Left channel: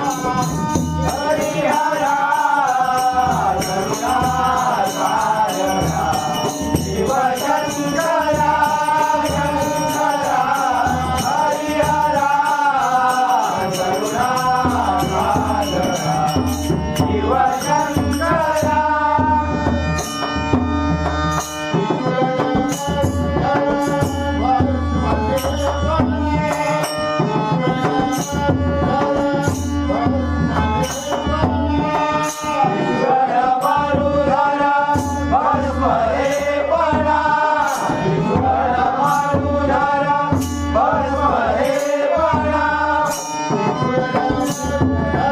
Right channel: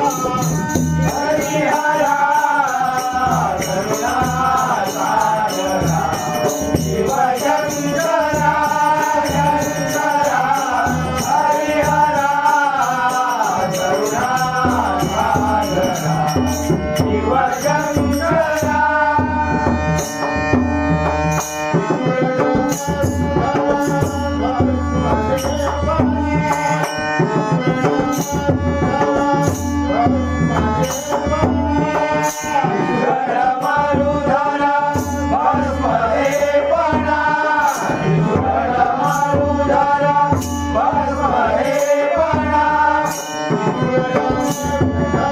Oh. Yes.